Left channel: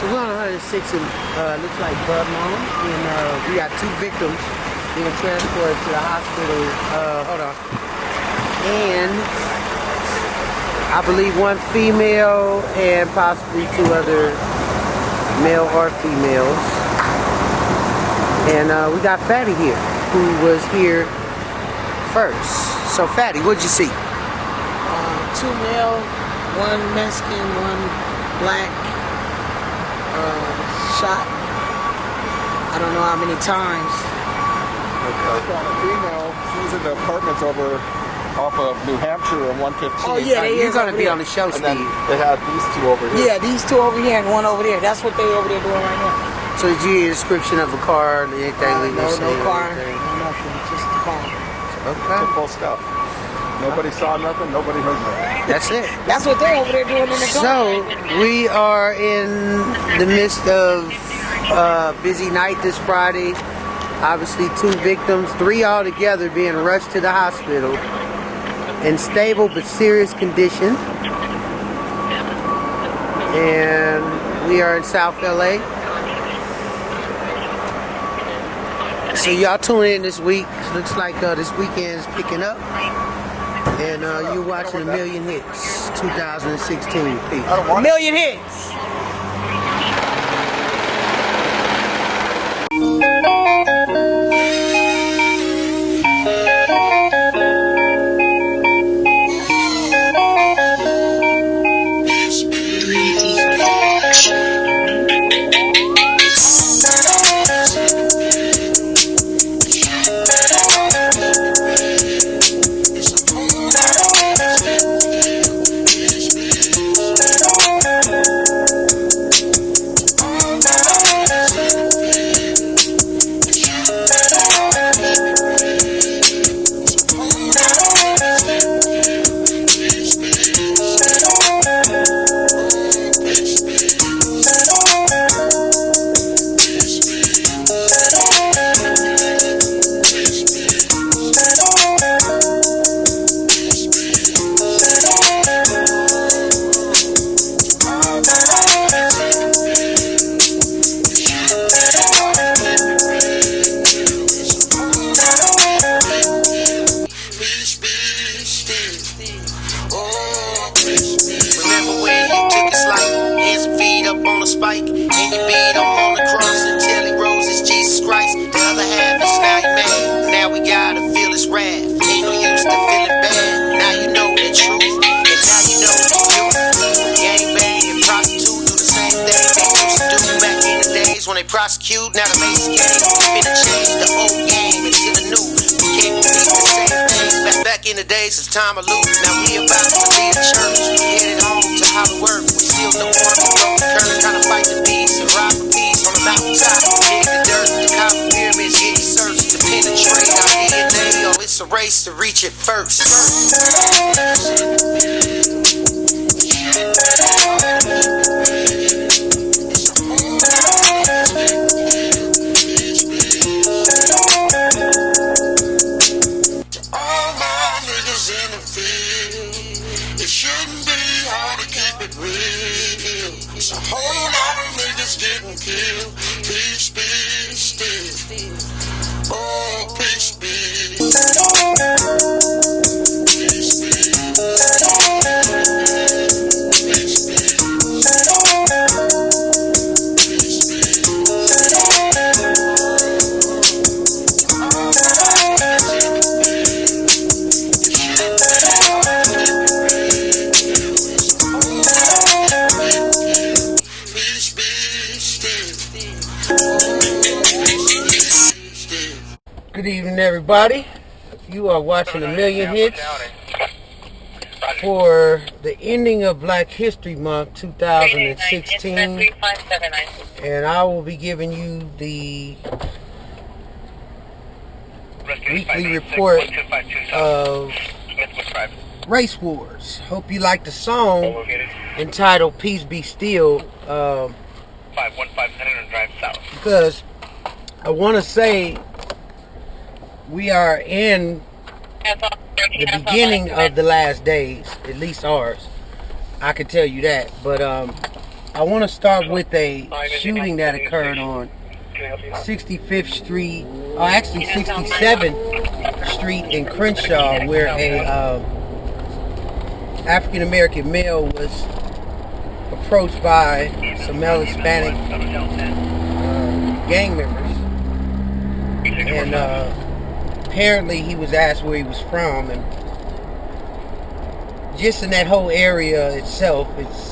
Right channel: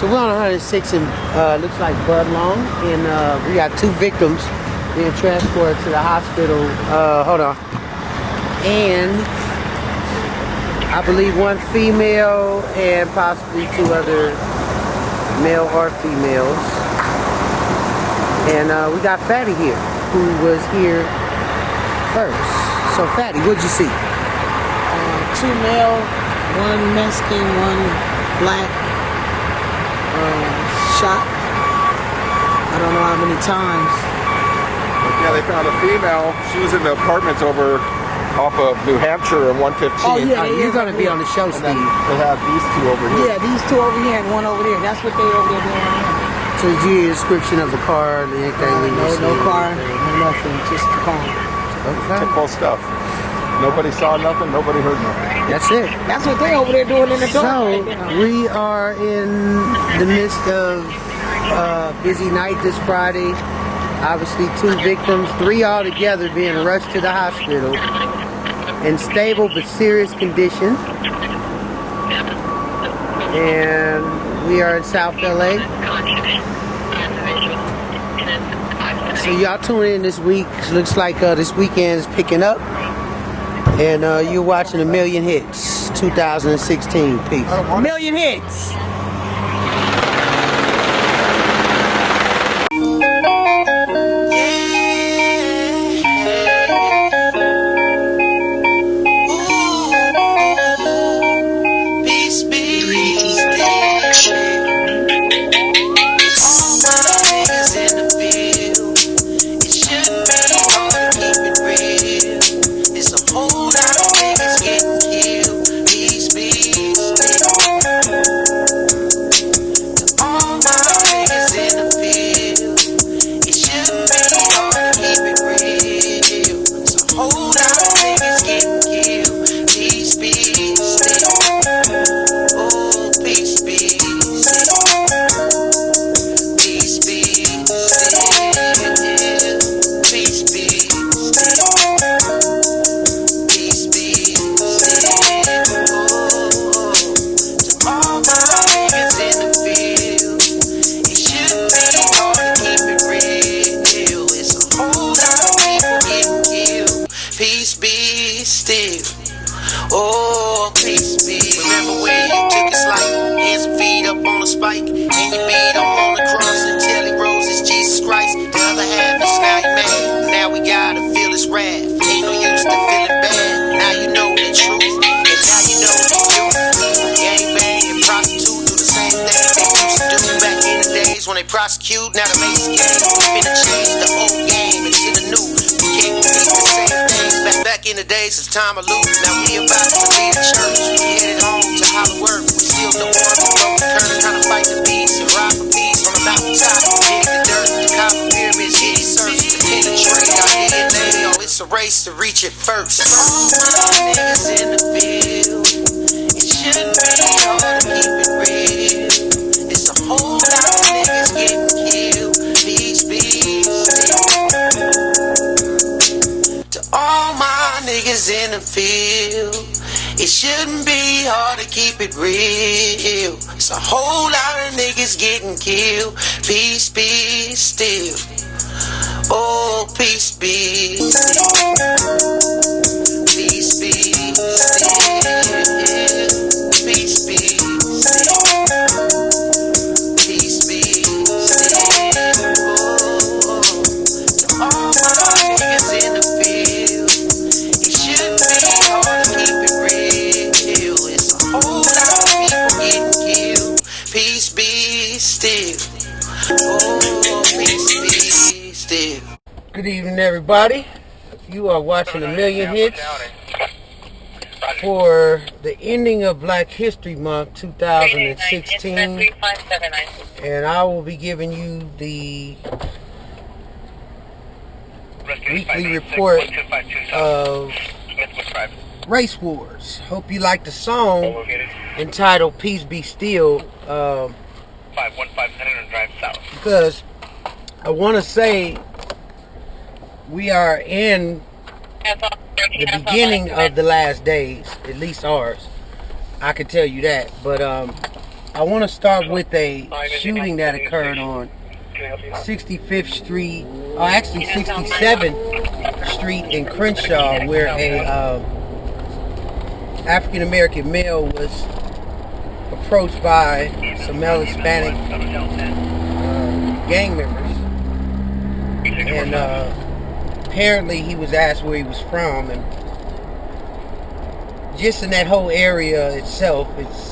So we're on 106 and looks like Bud Long, and we got 2 victims being transported to the hospital. Hold on. And I believe 1 female and possibly 2 other male or females. And we got Fatty here, who was here first. So Fatty, what'd you see? 2 male, 1 Mexican, 1 black, shot. I don't know how many times. Yeah, they found a female. She was in the apartments over off of New Hampshire and 115. Oh yeah, you're gonna be on the show, And Steve. then they had these 2 over here. Yeah, these 2 over here and 1 over there. That's what they over there doing right now. So did you get a description of a car and anything? No car, no nothing, just the car. Okay. Typical stuff. Nobody saw nothing. Nobody heard nothing. That's it. That's what they over there doing in the car. So we are in the midst of a busy night this Friday. Obviously 2 victims, 3 altogether being rushed to the hospital in stable but serious condition. And we are in South LA. So y'all tune in this week. Looks like this weekend is picking up. And you're watching A Million Hits 2016. Peace. A million hits. All my niggas in the field. It shouldn't be hard to keep it real. It's a whole lot of niggas getting killed. Peace be still. All my niggas in the field. It shouldn't be hard to keep it real. It's a whole lot of niggas getting killed. Peace be still. Oh, peace be still. Peace be still. Peace be still. Peace be still. Oh, to all my niggas in the field. It shouldn't be hard to keep it real. It's a whole lot of people getting killed. Peace be still. Oh, peace be. Remember when you took his life, hands and feet up on a spike, and you beat him on the cross until he rose as Jesus Christ? The other half is now he mad. Now we gotta feel his wrath. Ain't no use to feeling bad. Now you know the truth, and now you know the youth who gang bang and prostitute do the same thing they used to do back in the days when they prosecute. Now the Masons came, we finna change the old game into the new. We can't repeat the same things back in the days. It's time to loop. Now we about to leave the church. We headed home to Hollow Earth. We sealed the army, broke the curse, time to fight the beast and rob a piece on the mountaintop and dig the dirt. The copper pyramids get searched to penetrate our DNA. Oh, it's a race to reach it first. All my niggas in the field. It shouldn't be hard to keep it real. It's a whole lot of niggas getting killed. Peace be still. To all my niggas in the field. It shouldn't be hard to keep it real. It's a whole lot of niggas getting killed. Peace be still. Oh, peace be still. Peace be still. Peace be still. Peace be still. Oh, to all my niggas in the field. It shouldn't be hard to keep it real. It's a whole lot of people getting killed. Peace be still. Oh, peace be still. Good evening, everybody. You are watching A Million Hits for the ending of Black History Month 2016. And I will be giving you the weekly report of Race Wars. Hope you like the song entitled Peace Be Still. 515 drive south. Because I want to say we are in the beginning of the last days, at least ours. I can tell you that. But I want to start with a shooting that occurred on 65th Street, or actually 67th Street in Crenshaw, where a African American male was approached by some male Hispanic gang members, and apparently he was asked where he was from, and just in that whole area itself, it's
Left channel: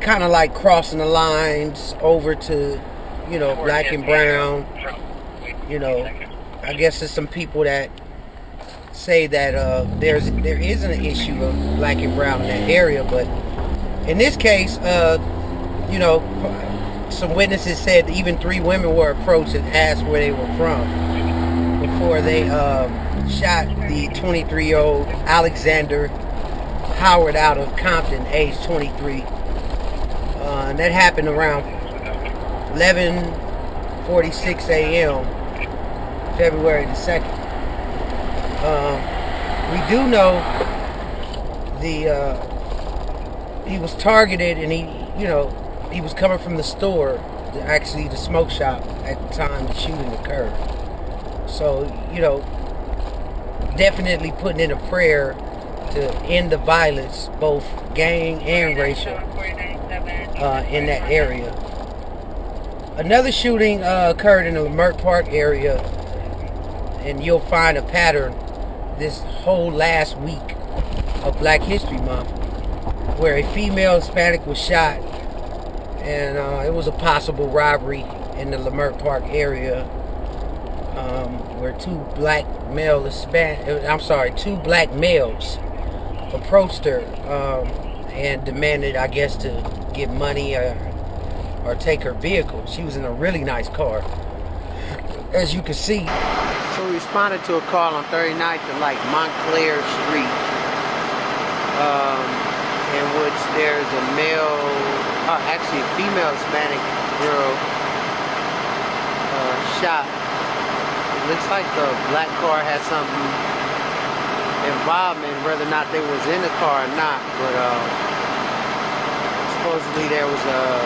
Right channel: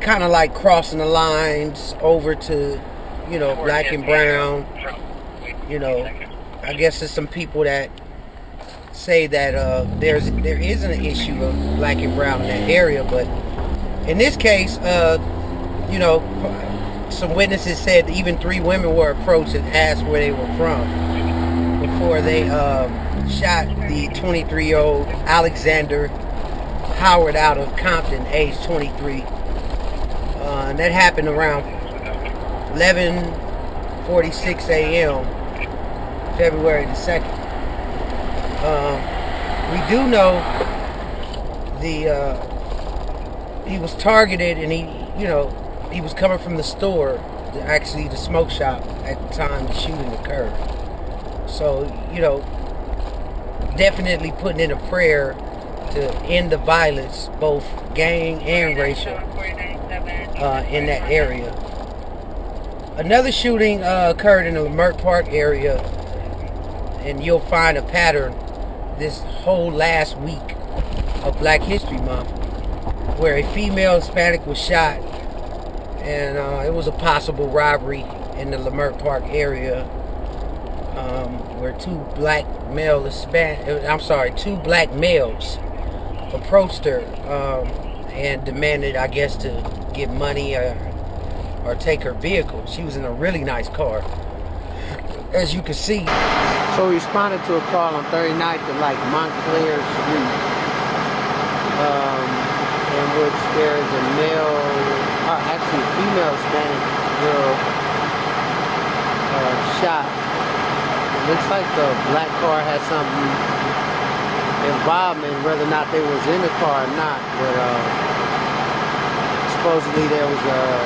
kind of like crossing the lines over to, you know, black and brown. You know, I guess there's some people that say that there isn't an issue of black and brown in that area, but in this case, you know, some witnesses said even 3 women were approached and asked where they were from before they shot the 23-year-old Alexander Howard out of Compton, age 23. And that happened around 11:46 a.m. February the 2nd. We do know he was targeted, and he was coming from the store, actually the smoke shop, at the time the shooting occurred. So, you know, definitely putting in a prayer to end the violence, both gang and racial, in that area. Another shooting occurred in the Leimert Park area, and you'll find a pattern this whole last week of Black History Month, where a female Hispanic was shot, and it was a possible robbery in the Leimert Park area, where two black males approached her and demanded, I guess, to get money or take her vehicle. She was in a really nice car, as you can see. So we responded to a call on 39th and like Montclair Street, in which there's a actually a female Hispanic girl shot. It looks like the black car had something involvement, whether or not they was in the car or not, but supposedly there was a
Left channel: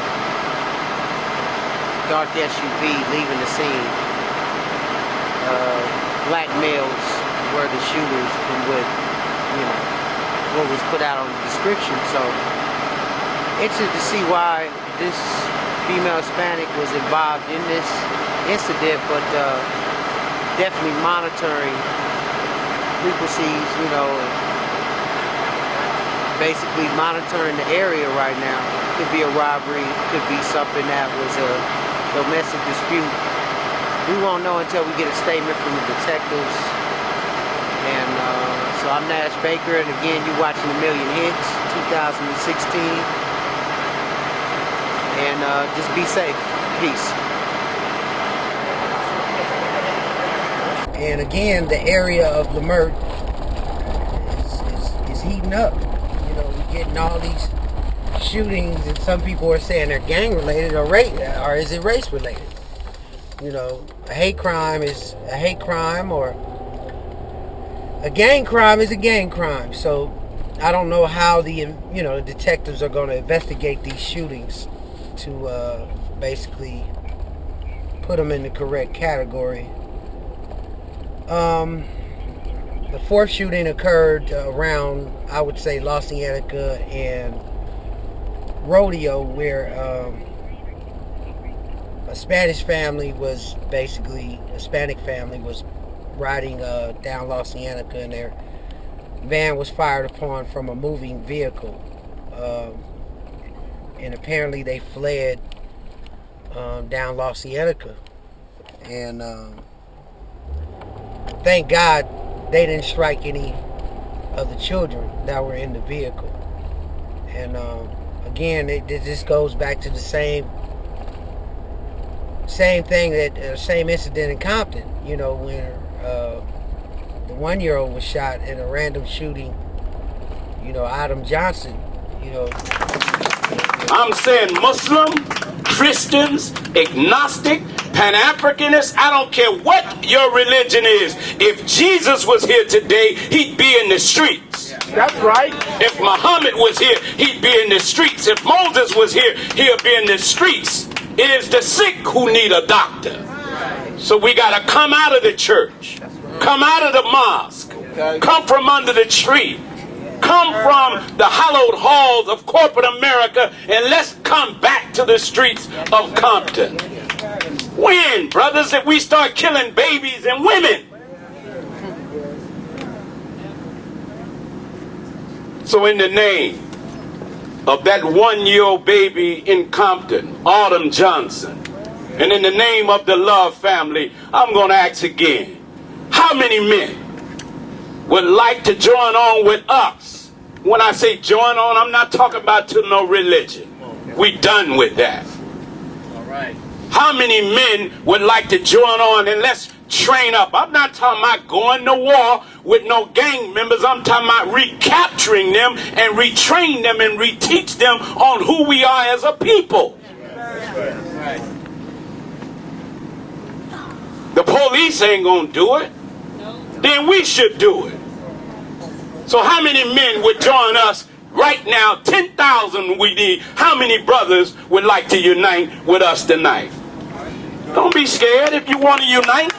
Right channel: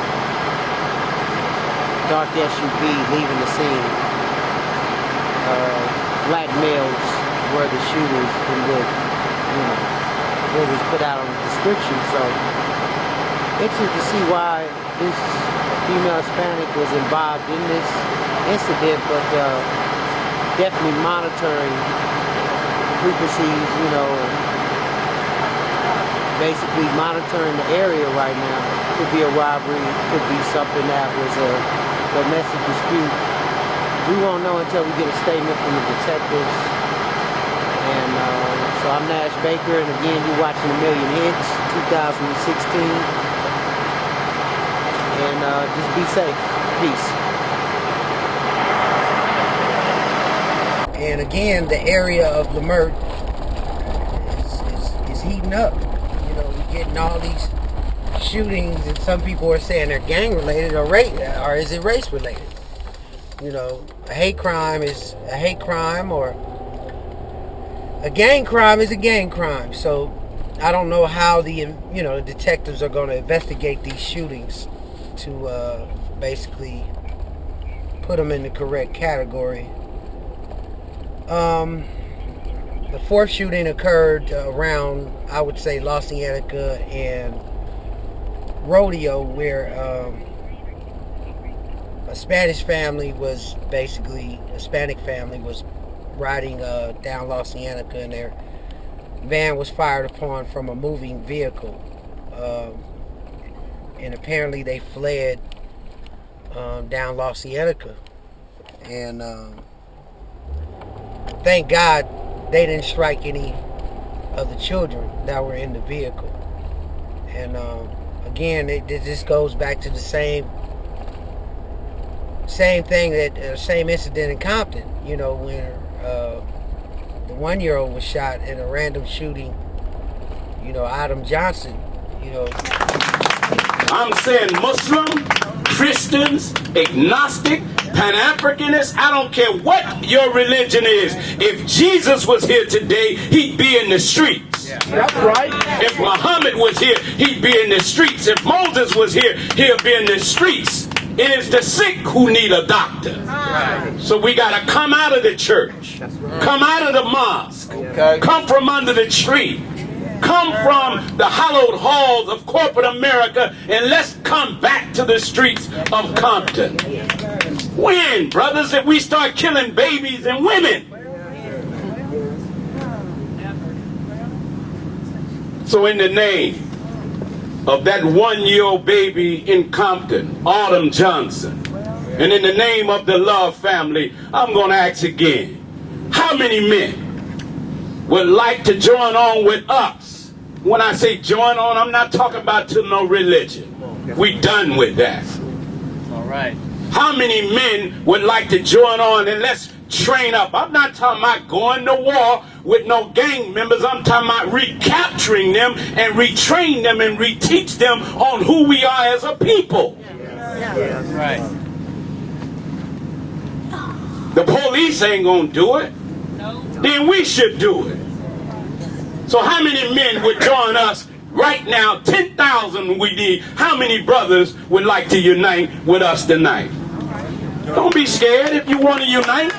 dark SUV leaving the scene. Black males were the shooters, from what was put out on the description. So interested to see why this female Hispanic was involved in this incident, but definitely monitoring frequencies, and basically monitoring the area right now. Could be a robbery, could be something that was a domestic dispute. We won't know until we get a statement from the detectives. And so I'm Nash Baker, and again, you're watching A Million Hits 2016. And just be safe. Peace. And again, the area of Leimert is heating up. We're getting all these shootings, and some people are saying they're gang related or is it race related? A hate crime is a hate crime, or a gang crime is a gang crime. So I don't know how the detectives are going to investigate these shootings to basically put them in the correct category. The fourth shooting occurred around, I would say, La Cienega and Rodeo, where a Hispanic family was riding down La Cienega, and their van was fired upon from a moving vehicle, and apparently they fled down La Cienega, and thank God they didn't strike any of the children that were in the vehicle. And again, it just goes back to the same thing, that same incident in Compton, when the 1-year-old was shot in a random shooting. Adam Johnson, I'm saying Muslim, Christians, agnostic, Pan-Africanists, I don't care what your religion is. If Jesus was here today, he'd be in the streets. That's right. If Muhammad was here, he'd be in the streets. If Moses was here, he'll be in the streets. It is the sick who need a doctor. So we got to come out of the church, come out of the mosque, come from under the tree, come from the hallowed halls of corporate America, and let's come back to the streets of Compton. When, brothers, if we start killing babies and women? So in the name of that 1-year-old baby in Compton, Autumn Johnson, and in the name of the Love family, I'm going to ask again, how many men would like to join on with us? When I say join on, I'm not talking about to no religion. We done with that. All right. How many men would like to join on and let's train up? I'm not talking about going to war with no gang members. I'm talking about recapturing them and retrain them and reteach them on who we are as a people. Right. The police ain't gonna do it. Then we should do it. So how many men would join us right now? 10,000 we need. How many brothers would like to unite with us tonight? Don't be scared if you want to unite.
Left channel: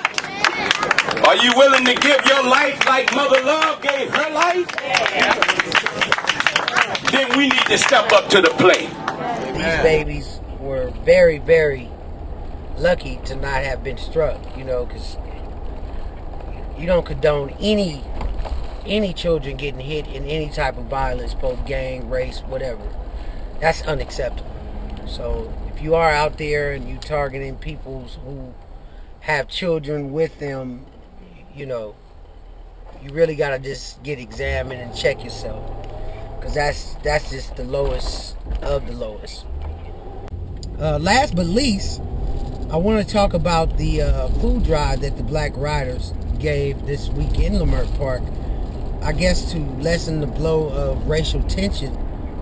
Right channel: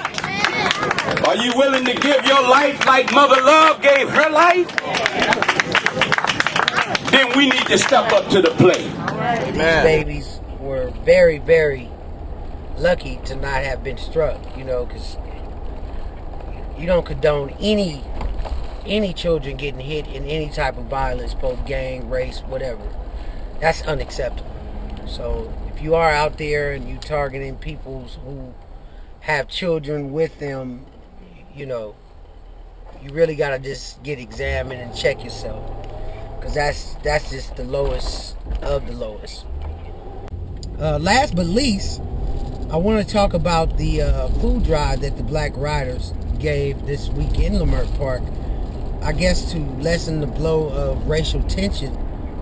Are you willing to give your life like Mother Love gave her life? Then we need to step up to the plate. These babies were very, very lucky to not have been struck, you know, because you don't condone any children getting hit in any type of violence, both gang, race, whatever. That's unacceptable. So if you are out there and you targeting people who have children with them, you know, you really got to just get examined and check yourself, because that's just the lowest of the lowest. Last but least, I want to talk about the food drive that the Black Riders gave this week in Leimert Park. I guess to lessen the blow of racial tension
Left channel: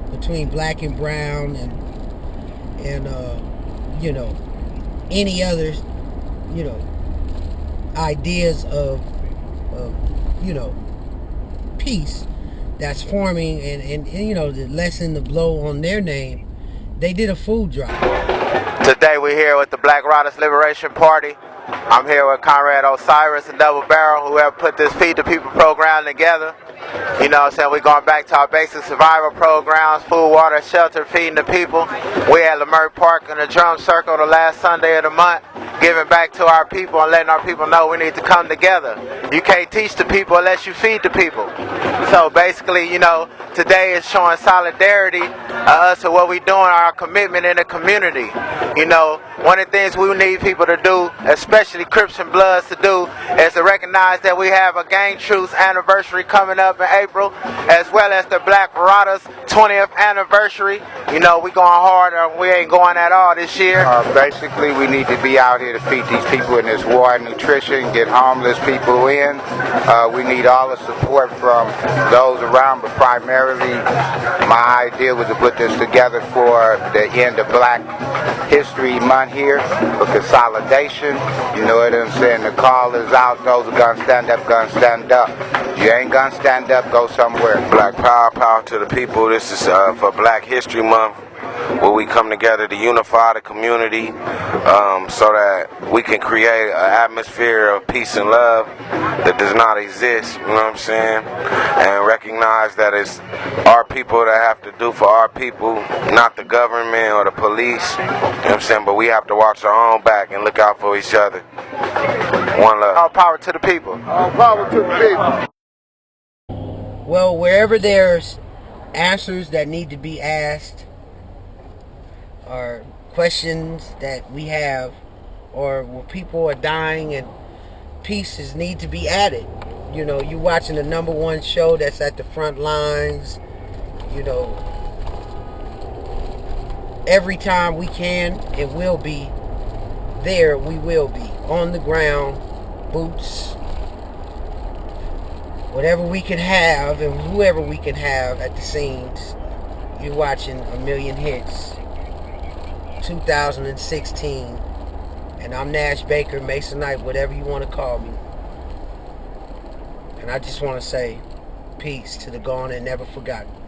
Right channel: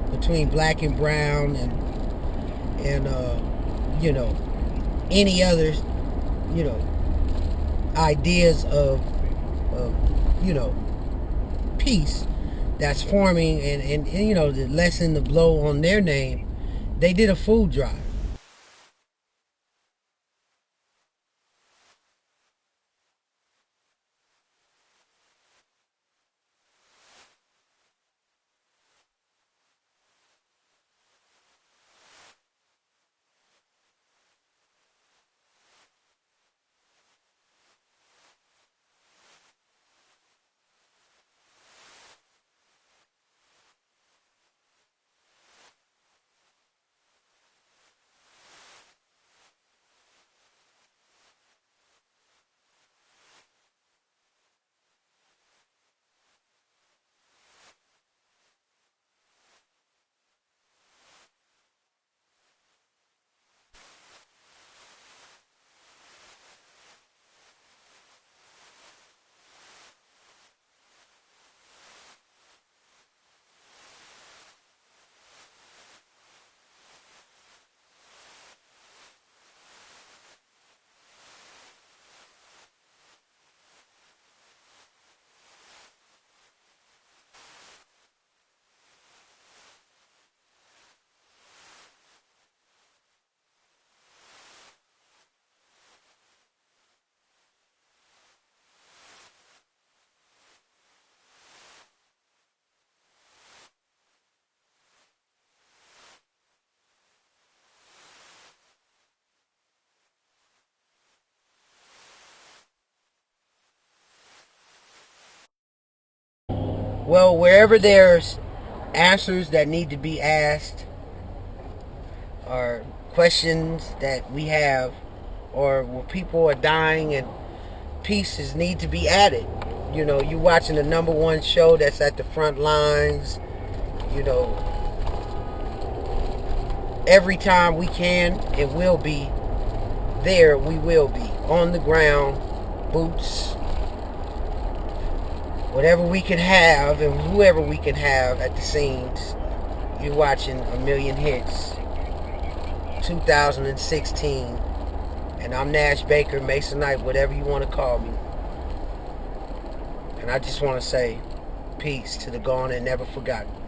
between black and brown and you know, any other, you know, ideas of you know, peace that's forming, and you know, to lessen the blow on their name, they did a food drive. Today we're here with the Black Riders Liberation Party. I'm here with Conrad Osiris and Double Barrel, who have put this Feed the People program together. You know what I'm saying? We're going back to our basic survival programs, food, water, shelter, feeding the people. We at Leimert Park in the drum circle the last Sunday of the month, giving back to our people and letting our people know we need to come together. You can't teach the people unless you feed the people. So basically, you know, today is showing solidarity us to what we're doing, our commitment in the community. You know, one of the things we need people to do, especially Crips and Bloods to do, is to recognize that we have a gang truce anniversary coming up in April, as well as the Black Riders 20th anniversary. You know, we going hard, or we ain't going at all this year. Basically, we need to be out here to feed these people in this war and nutrition, get homeless people in. We need all the support from those around, but primarily my idea was to put this together for the end of Black History Month here, for consolidation. You know what I'm saying? The call is out. Those who gonna stand up, gonna stand up. You ain't gonna stand up, go somewhere. Black power to the people. This is for Black History Month, where we come together to unify the community so that we can create an atmosphere of peace and love that does not exist, you know what I'm saying? And recognize that it's our people that have to do for our people, not the government or the police, you know what I'm saying? But we have to watch our own back and look out for each other. One love. All power to the people. All power to the people. Well, wherever there's answers that need to be asked, or questions that we have, or where people are dying and pieces need to be added. You know, you watching the #1 show that's at the front lines. You know, every time we can and will be there, we will be on the ground, boots, whatever we can have and whoever we can have at the scenes. You're watching A Million Hits 2016, and I'm Nash Baker, Masonite, whatever you want to call me. And I just want to say peace to the gone and never forgotten.